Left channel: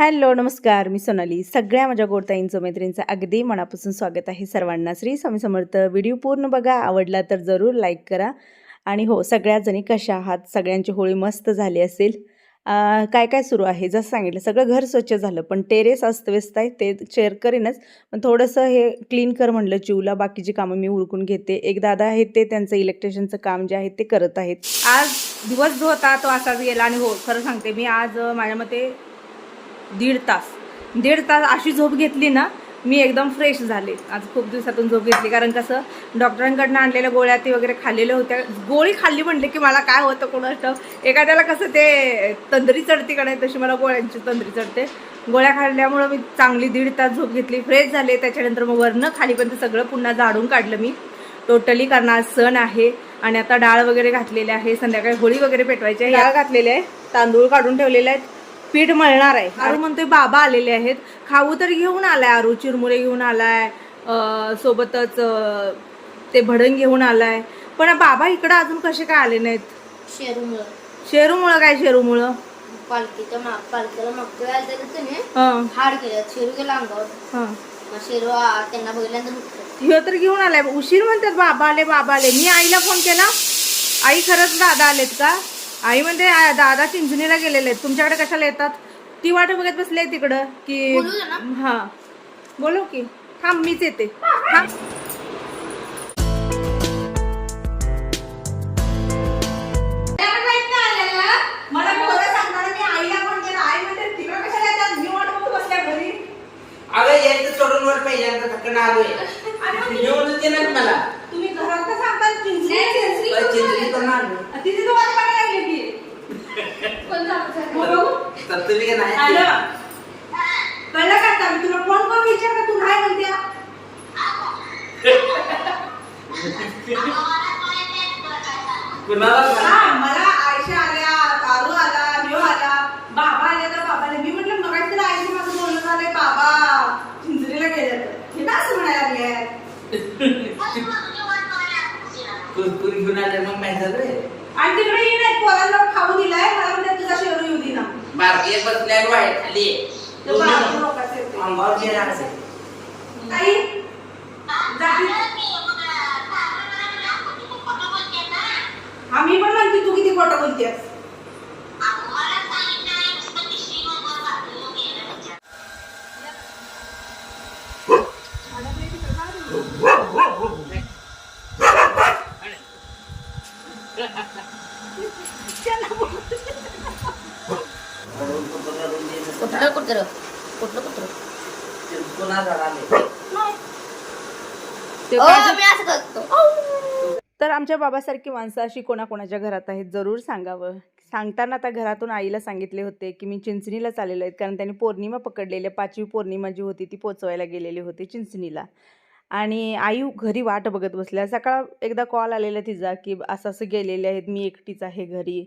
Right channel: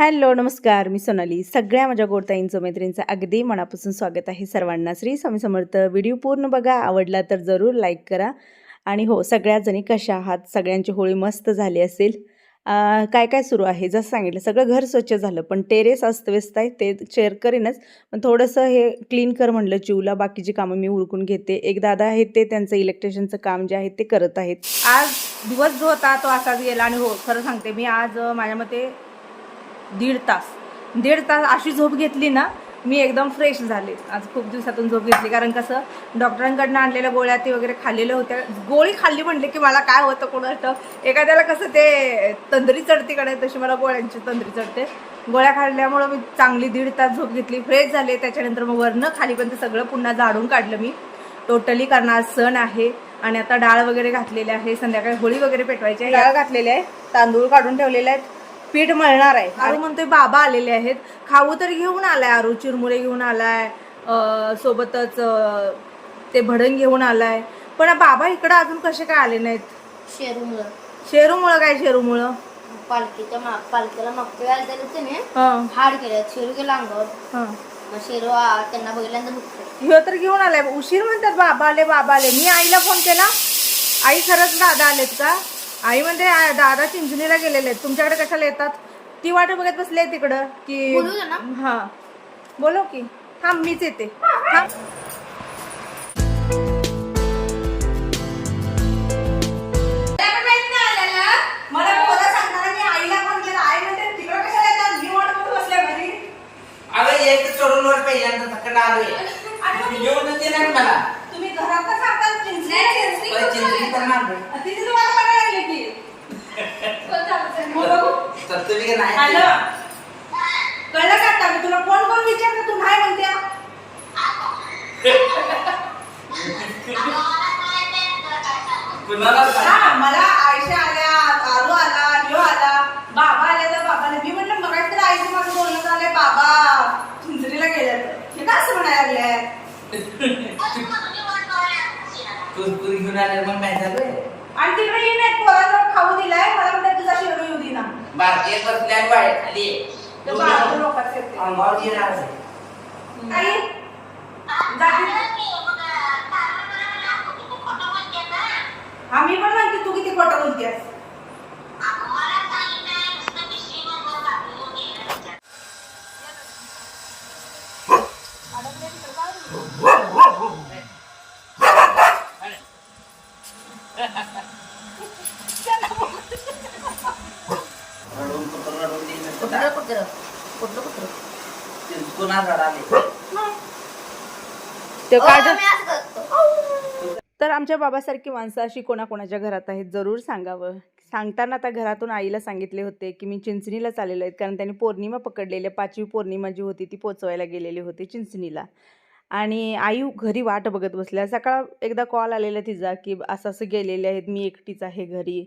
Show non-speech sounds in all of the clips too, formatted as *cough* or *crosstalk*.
Hello नमस्कार. मी सोनाली. सगळ्या माझ्या गोडताईंचं मैत्रिणींचं अगदी मनापासून स्वागत आहे सर्वांना. श्री स्वामी समर्थ व्हिडिओ पूर्ण बघा. आवडला तर जरूर लाईक करा. आणि हो सगळ्या जणी कशा आहात? सगळ्यांची होळी मस्त झाली असेल. काय काय सुरू आहे? जसं सांगितलं सगळं घर स्वच्छ झालं पण टेरेस अस्तव्यस्त आहे ते शेअर करेनच. पण थोडंसं हे क्लीन कर म्हणलं चिवला बाकीची कामं मी उरकून घेते. एक दादा आहेत ते त्यांचं इलेक्ट्रिशियनचं काम जे आहे ते करत आहेत. आज दिवस जो होता तो असाच गेला. आणि हो खरं सांगते मी आज माझ्या मते दीड तास. दीड तास अशी झोप घेतली ना मी एकदम फ्रेश झाले. आज खूप दिवसातून झोप घेतली. कारण कसं डॉक्टरांकडनं आणलेल्या गोळ्या ते वगैरे खाल्लेल्या होत्या. गोळी खाल्ली म्हणले की मला काय होतं कोणाचं? एखाद्याला कसं ते तंद्री का कडे तशी मला गोळ्यांची तंद्री चढते. गोळ्या खाल्ल्यामुळं मी चांगली दीड तास झोप घेतली. फ्रेश झाले. त्याच्यानंतर मग वरनं खालीपर्यंत सगळं पुन्हा झाडून काढलं मी. टोटली कारण आज सण आहे आणि आता डाळ वगैरे घातलेली आहे. संध्याकाळी होळी वगैरे पेटवायची आहे. डाळ घातलेली आहे. तांदूळ काढून ठेवलेले आहेत. पीठ मळणार आहे. आरू म्हणतोय बाबा आलेले आहेत. खाऊ तर घेऊन आलाय आरू चिरमुरे घेऊन आलाय सोबतच ते भडंग घेऊन आलाय. पण बाबा इकडे अजून कसे काय आले नाहीत? शेरूमुळं. शेरूमुळं काय शेरूमुळं? पालखीच्या माग पालखीला मागच्या वेळेला त्याने. हाड केलं शेरू गेला अंगावर. हं. शेरू त्यांना बघितल्यानंतर दुखतो ह्यो तर घेऊन आलाय. उशीर म्हणतात बाबा आले बाबा आले. मी आईला फोन केला. आई खरंच दादा आलेत का? आई म्हणते "आ, दादा चिंचणीला गेलेले आहेत. तुमच्याकडे कशाला येतात? ती वाट बघत बसले तिकडं की ना? हा. बोलो की. थांब मीच येते. थांब. मला बोलायला सांगताना मी आईला फोन केला. आई म्हणते तिकडं कशाला येतात? मी वाट बघत बसल्या घरी. अगं यायचं चढून वर पहिल्यांदा आलोय. नाही मला. तुम्ही घरात का सांगतात चिंचणी चिंचणी पण आणलोय. तिथे तुम्हाला बघायला लागले की हो बघू. तर तुम्ही का नाही हॅलो. कळलं का आता? मी तुला फोन करून विचार का तू नाही म्हणत्या कुणाला हा मला आयशा आल्या आरू आला ह्यो आला बाबा आले तर बाबाला. मी म्हटलं मग तर आईचं माझं बोलणं झालंय बाबा चिंचणीला गेल्या तर हे का असं म्हणायला लागले आल्यावर मग काय झालंय आणि तिकडे येईन आहेत पोरांना खाऊ दिलाय मला म्हणतात तुझा शेरू येऊ दिना बारकी एक बसली आणि वाईट खाली आहे. ते बाळाचं लोकांचं येते. अंगावर जे राहते. आई हा मी पण म्हणते तू किती खोटं बोलतेस कुठलं कुठलं कुठलं कुठलं तर आमच्या बाबासारखी माणसं अशी कोणाकोणाच्या घरात आहेत जरूर सांगावं. सांगताना आता घरातून आईला सांगितले होते की मी चिंचणीला चाललेलो आहेत कारण त्यांनी पौर्णिमा पकडलेल्या पाचवी पौर्णिमा जी होती ती पोचवायला गेलेली होती चिंचणीला. आणि आई घरी वाट बघत बसल्या. सकाळ एकदा कॉल आलेला तिचा की असं असं गेलेले आहेत मी एकटीच आहे घरी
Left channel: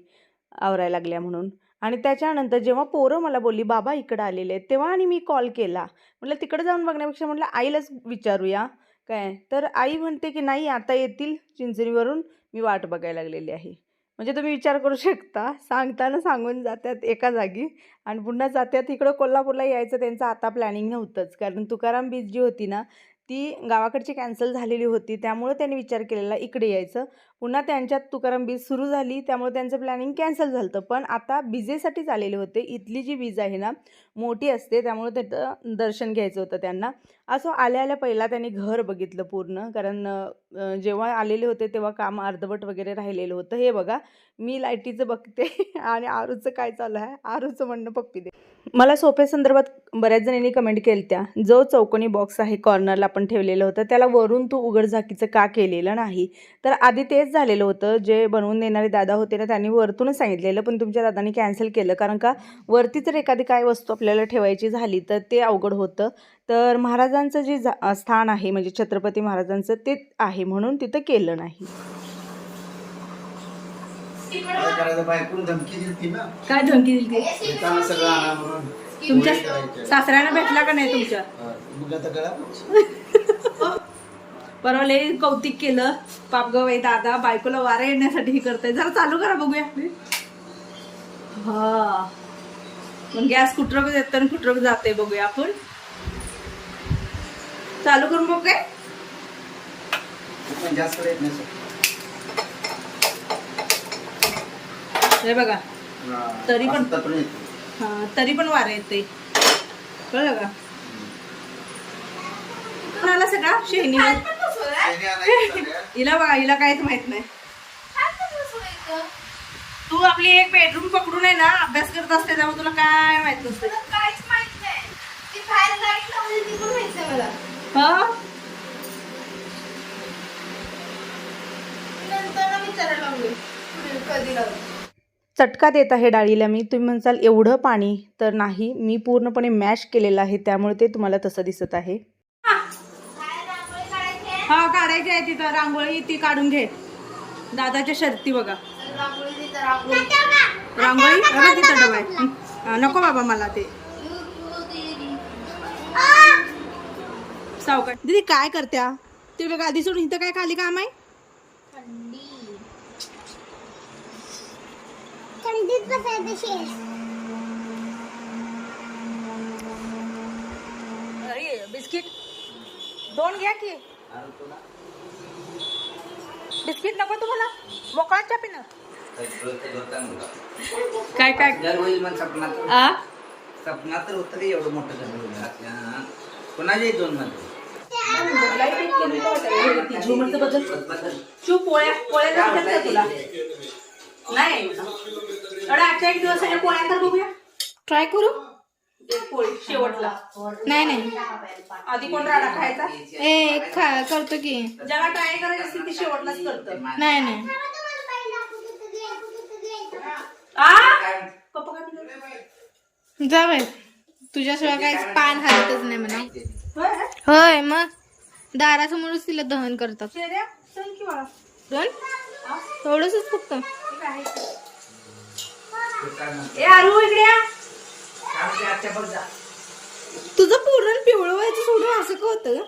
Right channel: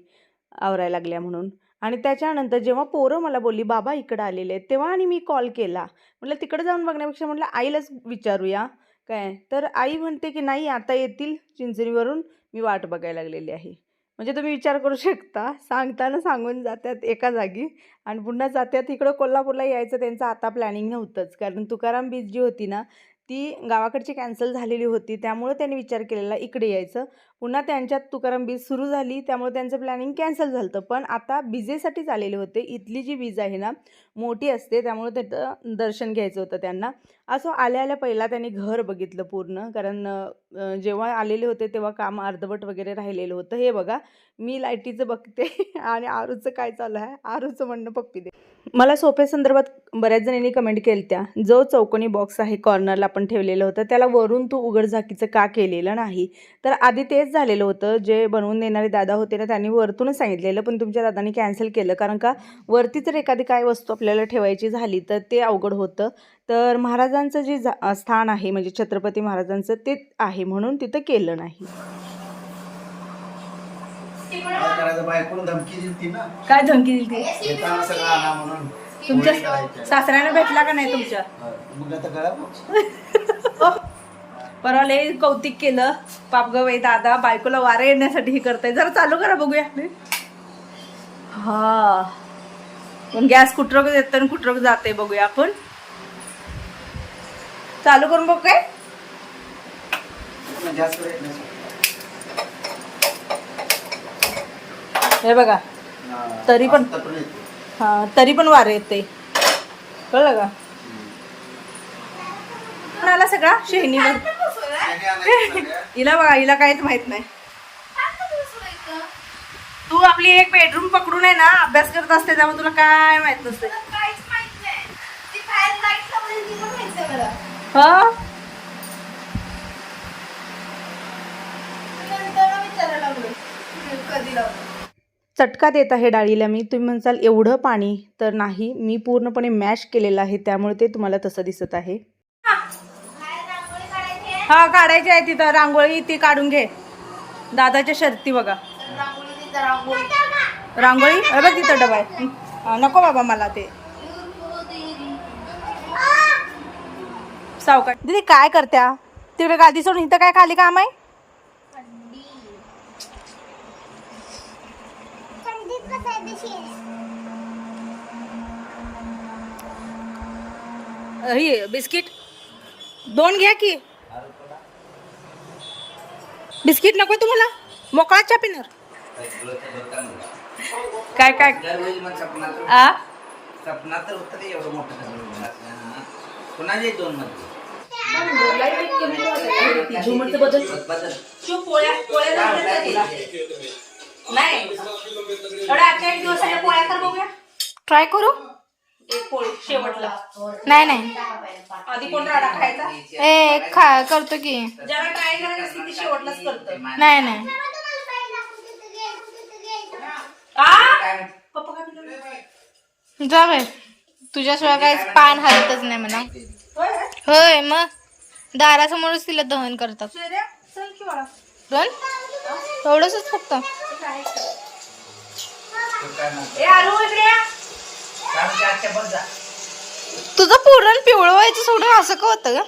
आवरायला लागल्या म्हणून. आणि त्याच्यानंतर जेव्हा पोरं मला बोलली बाबा इकडं आलेले आहेत तेव्हा आणि मी कॉल केला. म्हटलं तिकडं जाऊन बघण्यापेक्षा म्हटलं आईलाच विचारूया. काय? तर आई म्हणते की नाही आता येतील चिंचणीवरून मी वाट बघायला लागलेली आहे. म्हणजे तुम्ही विचार करू शकता. सांगताना सांगून जात्यात एका जागी आणि पुन्हा जात्यात. इकडं कोल्हापूरला यायचं त्यांचं आता प्लॅनिंग नव्हतंच. कारण तुकाराम बीच जी होती ना ती गावाकडची कॅन्सल झालेली होती. त्यामुळे त्यांनी विचार केलेला इकडे यायचं. पुन्हा त्यांच्यात तुकाराम बीज सुरू झाली. त्यामुळे त्यांचं प्लॅनिंग कॅन्सल झालं होतं पण आता विजेसाठीच आलेले होते. इथली जी वीज आहे ना मोठी असते. त्यामुळे त्याचं दर्शन घ्यायचं होतं त्यांना. असं आल्या आल्या पहिला त्यांनी घर बघितलं पूर्ण. कारण जेव्हा आलेले होते तेव्हा काम अर्धवट वगैरे राहिलेलं होतं. हे बघा मी लाईटीचं बघते *laughs* आणि आरूचं काय चालू आहे? आरूचं म्हणणं पप्पी दे. मला सोप्यासंदर्भात बऱ्याच जणांनी कमेंट केल्या जो चौकोनी बॉक्स आहे कॉर्नरला आपण ठेवलेलं होतं त्याला वरून तू उघडझाकीचं का केलेलं नाही? तर आधी तेच झालेलं होतं. जे बनवून देणारे दादा होते ना त्यांनी वरतूनच सांगितलेलं पण तुमच्या दादाने कॅन्सल केलं. कारण का वरती जर एखादी काय वस्तू आपल्याला ठेवायची झाली तर ते अवघड होतं. तर महाराजांचं जे स्थान आहे म्हणजे छत्रपती महाराजांचं ते आहे म्हणून तिथं केलं नाही. काय धमकी दिली ना काय धमकी दिली ती? येताना सगळं आणा म्हणून तुमच्या. सासऱ्याने भेटला का नाही तुमच्या? मग आता गळा *laughs* परवा लय कौतिक केलं. पापगवाई दादा बायकोला वारा येण्यासाठी हे करताय. जरा चालू करा बघूया. हा. गॅस कुठं येतं आणि कुठं जाते बघूया आपण. चालू करून बघू काय? नाही, जास्त येत नाही हे बघा. तरी पण-. हा तरी पण वारे येते कळलं का? कोणाला सगळा? झालं. हिला बघा हिला काहीच माहीत नाही. तू आपली एक बेडरूम पकडून आहे ना अभ्यास करत असते त्यामुळे तुला काय माहीत नसते हा? चटका देत आहे डाळीला मी. तुम्ही म्हणसाल एवढं पाणी तर नाही. मी पूर्णपणे मॅश केलेलं आहे. त्यामुळे ते तुम्हाला तसं दिसत आहे. हा. काढायची आहे तिथं. रांगोळी ती काढून घे. दादाच्या शर्ती बघा. रांगोळी बघ तिथं डबा आहे. नको बाबा मला ते. सावकाश दीदी काय करत्या? तिकडे गादी सोडून इथं काय खाली काम आहे? हे बिस्किट. दोन घ्या की. बिस्किट नको तुम्हाला. मोकळा चा पिणार. काय काय? सपनात तर होतं एवढं मोठं कोणाच्या दोन मध्ये. झुमरचं बदल बदल तू पोळ्या पोळ्या करतात का तुला नाही एवढा आजच्या एक दिवस आहे पोळ्या कर? बघूया ट्राय करू एक पोळी शेवटला नाही नाही. आधी कोण राडा खायचा ए खा करतो की. ज्याला ट्राय करायचं असते ते शेवटलाच करतं नाही. नाही? जा बाय तुझ्याशिवाय काय पान हलतच नाही म्हणा. होय? होय मग. दारासमोरच तिला दहन करतात. दोन एवढंच फक्त. तुझं पुरण पिवळं व्हायचं सोडून असं का होतं ग?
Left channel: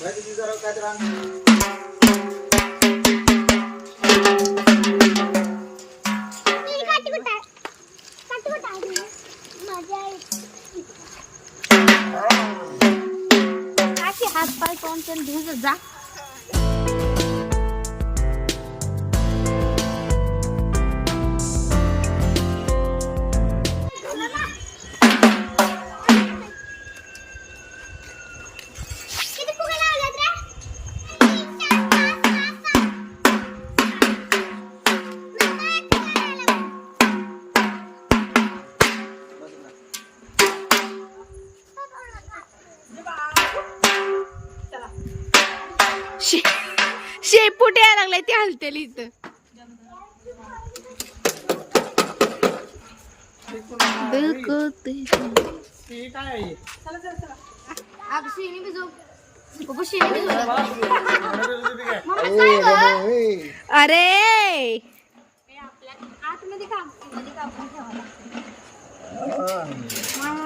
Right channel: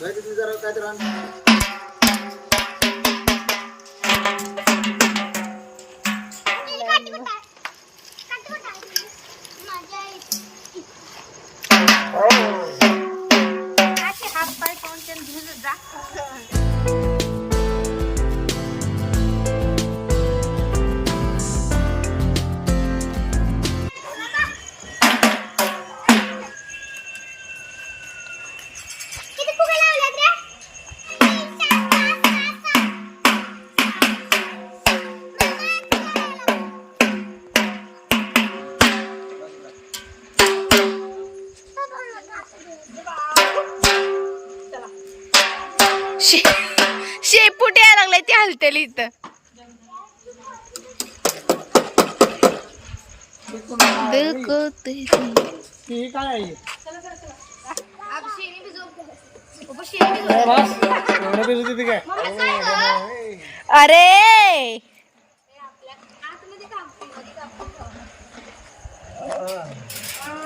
माहिती तुझं जरा काय ती हलतेली इथं दुखते. ही काय आहे? एवढं बेस होती ती काय? ए, ए, ए. अरे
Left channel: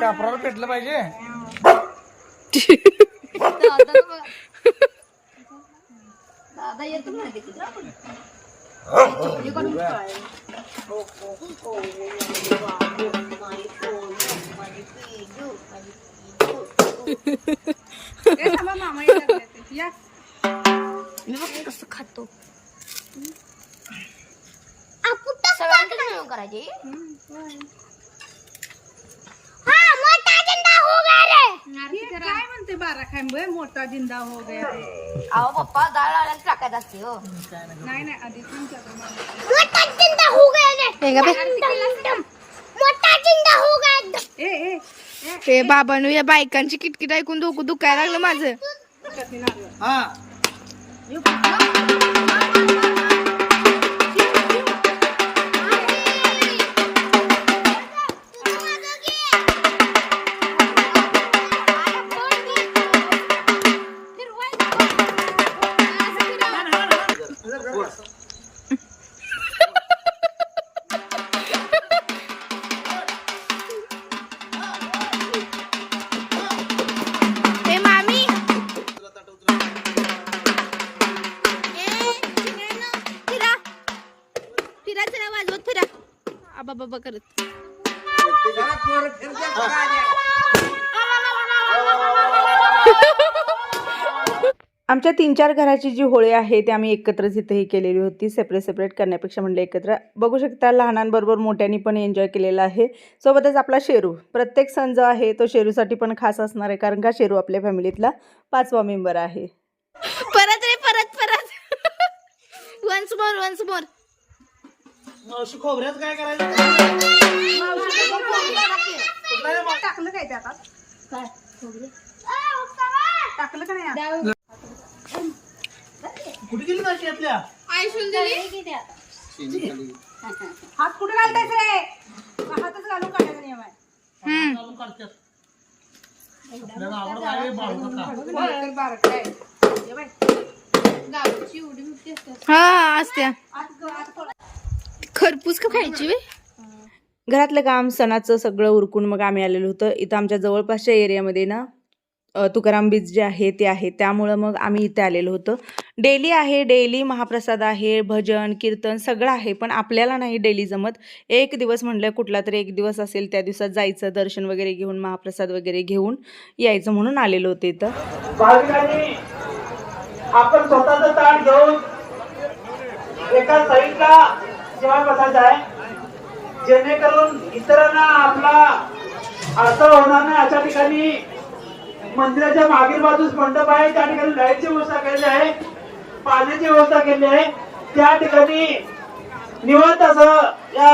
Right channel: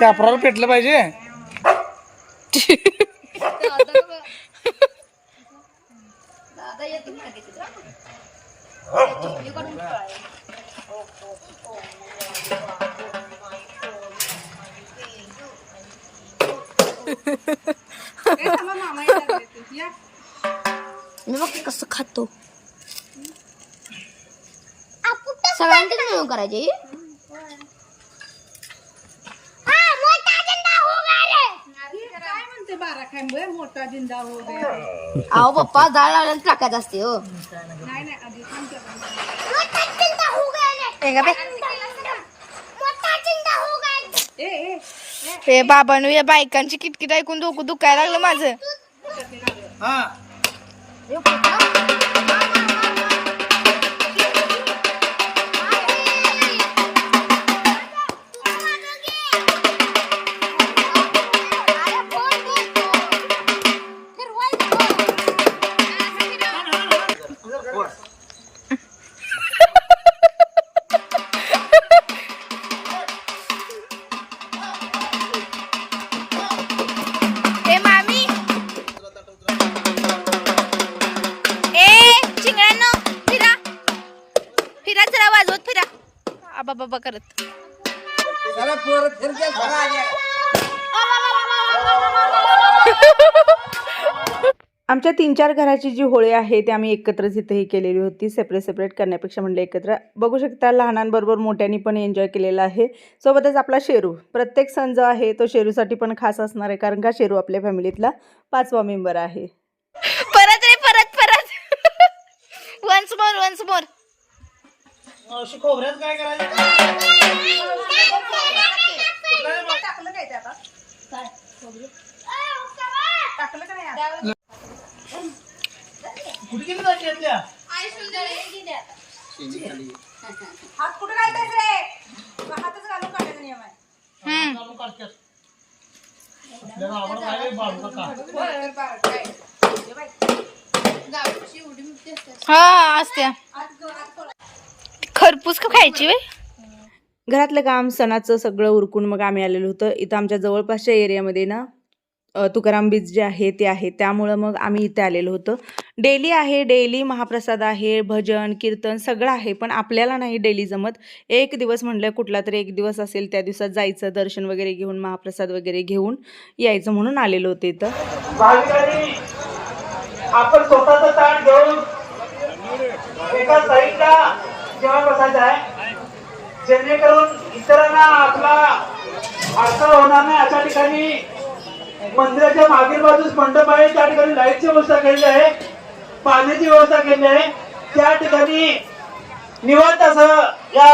कापराला पेटलं पाहिजे ए, मी बघ कसं खातो. सगळ्यांकडे मिळून करायची? हे म्हणते बारा खांब मोठा जिंदा हो गया. अहो पप्पा जाळ लागल्यानं टाकायचं असते हो. नाही नाही आधी थांब की आपण मामा. हे? ए ए हे बाबांनो या बायकांची किटकिट ऐकून डोकं दुखायला लागलं माझं. हा. जरा वाजवत फिरा. आबा बाबा करत. आमच्या तीन चार घराची जी होळी आहे ती आम्ही एकत्रच इथे ही केलेली होती सेपरेट सेपरेट करण्यापेक्षा म्हणलं एकत्र. बघू शकता लहानांबरोबर मोठ्यांनी पण एन्जॉय केलेला आहे. सोबतच आपला शेरू. प्रत्येक सण जो आहे तो शेरूसाठी पण खास असणार आहे कारण का शेरू आपल्या फॅमिलीतला पाचवा मेंबर आहे. परत रे परत परत. वन्स मोर वन्स मोर मावशी खोबऱ्यात काय करायचं? टाकलं काय ते आता? काय? टाकलं का नाही कुठे गेली जायची यातल्या हात कुठे घालतायच रे? हातच घालून काढायचा नियम आहे. घालून काढतात आपल्याला आवडत आहे बाळू काका? हा असत्या. खरपूस का खायची वे घरातलं काम सणाचं सगळं उरकून मग आम्ही आलेलो होतं. इथं आमच्या जवळपासच्या एरियामध्ये ना तुकाराम बीच जे आहे ते आहे. त्यामुळं मग आम्ही इथे आलेलो होतो. डेली आहे डेली महाप्रसाद आहे भजन कीर्तन सगळं आहे पण आपल्याला नाही डेली जमत. एक दिवस म्हटलं कुठला तरी एक दिवस असेल त्या दिवसात जायचं दर्शन वगैरे घेऊन महाप्रसाद वगैरे घेऊन यायचं म्हणून आलेलो होते इथं. भाविकांनी आपण स्वतःचं ताट घेऊन एका साईडला जेव्हा बसायचं आहे जेणेकरून इतरांना आपला अडथळा होणार नाही. अशा ठिकाणी मंदिराच्या मागील बाजूस मंडप आहे त्या ठिकाणी लाईटची व्यवस्था केलेली आहे पाण्याची व्यवस्था केलेली आहे. त्या ठिकाणी निवांत असं या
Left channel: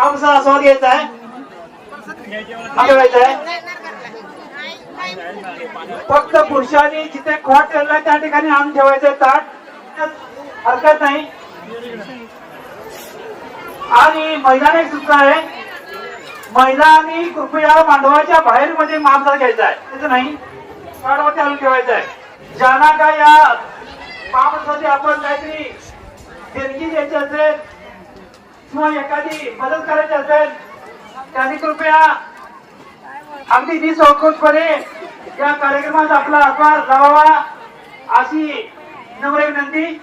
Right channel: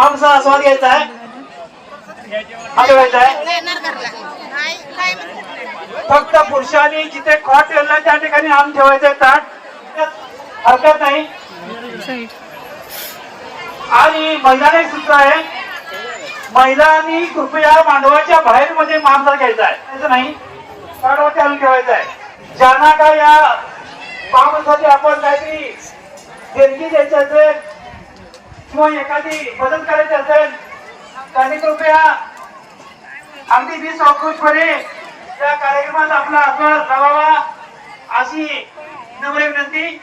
आमचा आस्वाद घ्यायचा आहे. फक्त पुरुषांनी जिथे खोट ठेवला त्या ठिकाणी आम ठेवायचं ताट हरकत नाही. आणि महिलांनी सुद्धा आहे. मैदानी कृपया मांडवाच्या बाहेर मध्ये मांजर घ्यायचा आहे. त्याचं नाही ताटावरती ठेवायचं आहे. ज्यांना काय या पामासाठी आपण काहीतरी देणगी द्यायची असेल किंवा एखादी मदत करायची असेल त्यांनी कृपया अगदी निसंकोचपणे या कार्यक्रमात आपला आकार लावावा अशी नम्र विनंती.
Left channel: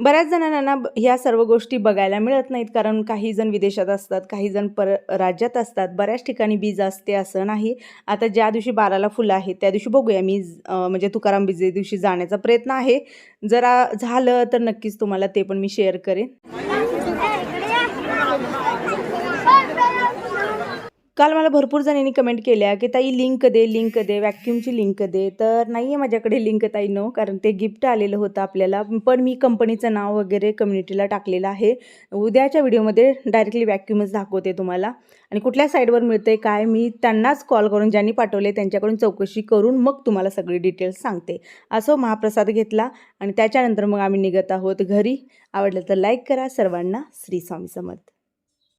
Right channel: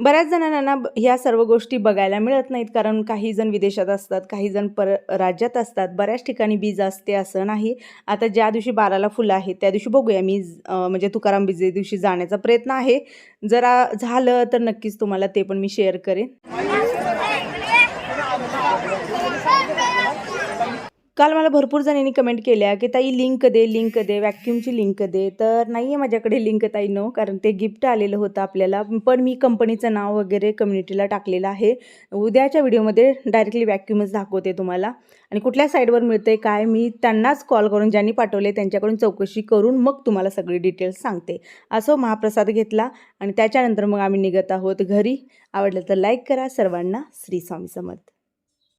बऱ्याच जणांना ना ह्या सर्व गोष्टी बघायला मिळत नाहीत कारण काही जण विदेशात असतात काही जण पर राज्यात असतात बऱ्याच ठिकाणी बीज असते असं नाही. आता ज्या दिवशी बाराला फुलं आहेत त्या दिवशी बघूया मी म्हणजे तुकाराम बीजे दिवशी जाण्याचा प्रयत्न आहे. जरा झालं तर नक्कीच तुम्हाला ते पण मी शेअर करेन. काल मला भरपूर जणांनी कमेंट केल्या की ताई लिंक दे लिंक दे वॅक्यूमची लिंक दे. तर नाही आहे माझ्याकडे लिंक ताई नो कारण ते गिफ्ट आलेलं होतं आपल्याला. पण मी कंपनीचं नाव वगैरे कम्युनिटीला टाकलेलं आहे. उद्याच्या व्हिडिओमध्ये डायरेक्टली व्हॅक्यूमच दाखवते तुम्हाला. आणि कुठल्या साईडवर मिळते काय मी त्यांनाच कॉल करून ज्यांनी पाठवले त्यांच्याकडून चौकशी करून मग तुम्हाला सगळी डिटेल्स सांगते. असो महाप्रसाद घेतला आणि त्याच्यानंतर मग आम्ही निघत आहोत घरी. आवडलं तर लाईक करा. सर्वांना श्री स्वामी समर्थ.